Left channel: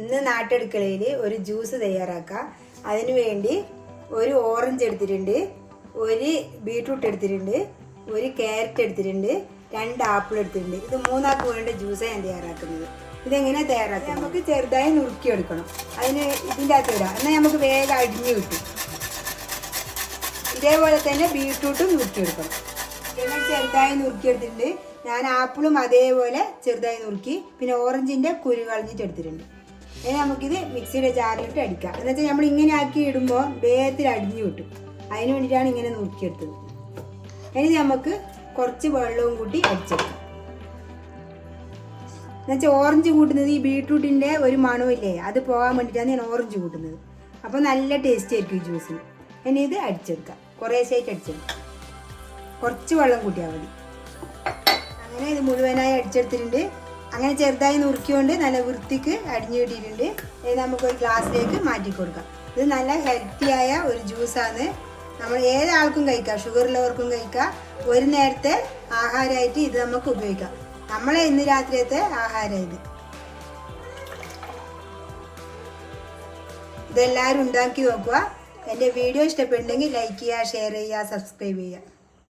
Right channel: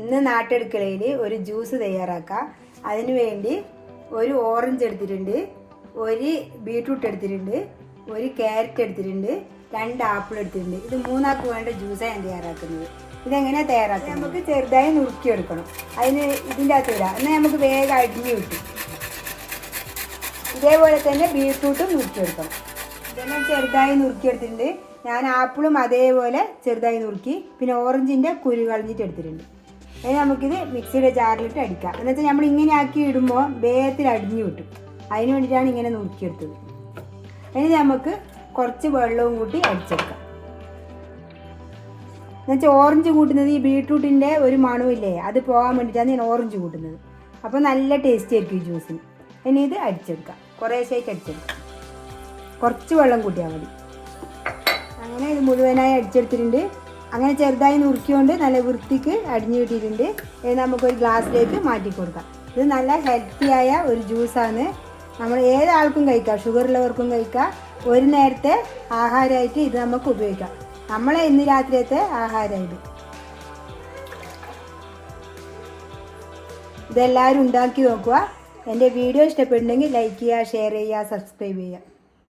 ഇന്ന് നാട്ടെടുക്കളയിൽ ഒരു ജ്യൂസ് തയ്യാറാക്കാം. അതിനു വേണ്ടി ഒരു ഓറഞ്ച് എടുത്തിട്ടുണ്ട്, ഒരു ബീട്രൂട്ട് എടുത്തിട്ടുണ്ട്, ഒരു ക്യാരറ്റ് എടുത്തിട്ടുണ്ട്, 2 ആപ്പിൾ എടുത്തിട്ടുണ്ട്. ഇത് 3 ആൾക്ക് വേണ്ട ജ്യൂസാണ് ഞാൻ തയ്യാറാക്കുന്നത്. ഇതെങ്ങനെയാണ് തയ്യാറാക്കുന്നത്? നമുക്ക് ചെറുതായി നുറുക്കി എടുക്കണം. അതിന് ഇതിൻ്റെ അകത്ത് ഇടാം, എന്നാൽ നമുക്ക് വേഗം അടിഞ്ഞു കിട്ടും. ഇതേപോലെ തന്നെ ബീട്രൂട്ടും നുറുക്കിയെടുക്കണം. ഇതെല്ലാം ചെറുതായി നുറുക്കിയെടുത്തിട്ടുണ്ട്. ഞാൻ ആപ്പിളും അതേപോലെ ചെറുതായി നുറുക്കി, പിന്നെ ഓറഞ്ചിൻ്റെ കുരു കളഞ്ഞിട്ട് എടുത്തിട്ടുണ്ട്. ഇനി നമുക്കിത് മിക്സിയുടെ ജാറിലിട്ട് അടിക്കാം. എന്നുവെച്ചാൽ നമ്മൾ ഇങ്ങനെ ആക്കി ഇടുമ്പോൾ വേഗത്തിൽ അടിഞ്ഞു കിട്ടും. അതിന് വേണ്ടിയിട്ടാണ് ഇങ്ങനെ നുറുക്കിയെടുത്തത്. ഇനി നമുക്ക് കുറച്ച് വെള്ളവും കൂട്ടി അടിച്ചെടുക്കാം. എന്നുവെച്ചാൽ ഓറഞ്ച് കൂട്ടുന്നത് ഈ ബീട്രൂട്ടിൻ്റെ ഒരു മണമില്ലേ, അത് പോകാൻ വേണ്ടിയിട്ടാണ് ഞാൻ ഓറഞ്ച് കൂട്ടുന്നത്. അപ്പോൾ നല്ല ടേസ്റ്റ് ആയിരിക്കും ഈ ജ്യൂസിന്. ഇനി ഇത് അടിച്ചെടുക്കാം, കുറേശ്ശായിട്ട് അടിച്ചെടുക്കാം. കുറച്ച് വെള്ളം കൂട്ടിയാൽ മതി. അങ്ങനെ ഇത് മുഴുവനായി അടിച്ചെടുത്തിട്ടുണ്ട്. അങ്ങനെ ചെറുതായി നുറുക്കിക്കൊണ്ട് നല്ല വൃത്തിക്ക് അടിഞ്ഞു കിട്ടിയിട്ടുണ്ട്. ഇനി നമുക്കൊരു ഗ്ലാസ്സിലേക്ക് മാറ്റി കൊടുക്കാം. ഇത് നല്ല ഹെൽത്തിയായ ഒരു ജ്യൂസാണ്. നമ്മൾ ഏതാൾക്കും കഴിക്കാം, ഷുഗർ ഉള്ളവർക്കും കഴിക്കാം. ഒരു നേരത്തെ ആഹാരമായിട്ട് ഇത് നമുക്ക് ഉപയോഗിക്കാം. നമ്മളെ ഇന്ന് രാത്രിയത്തെ ആഹാരം ഇതെല്ലാവരും ഉണ്ടാക്കി നോക്കുക. എൻ്റെ വീഡിയോ ഇഷ്ടപ്പെടുന്നെങ്കിൽ ലൈക്ക് ചെയ്യുക, ഷെയർ ചെയ്യുക, സബ്സ്ക്രൈബ് ചെയ്യുക.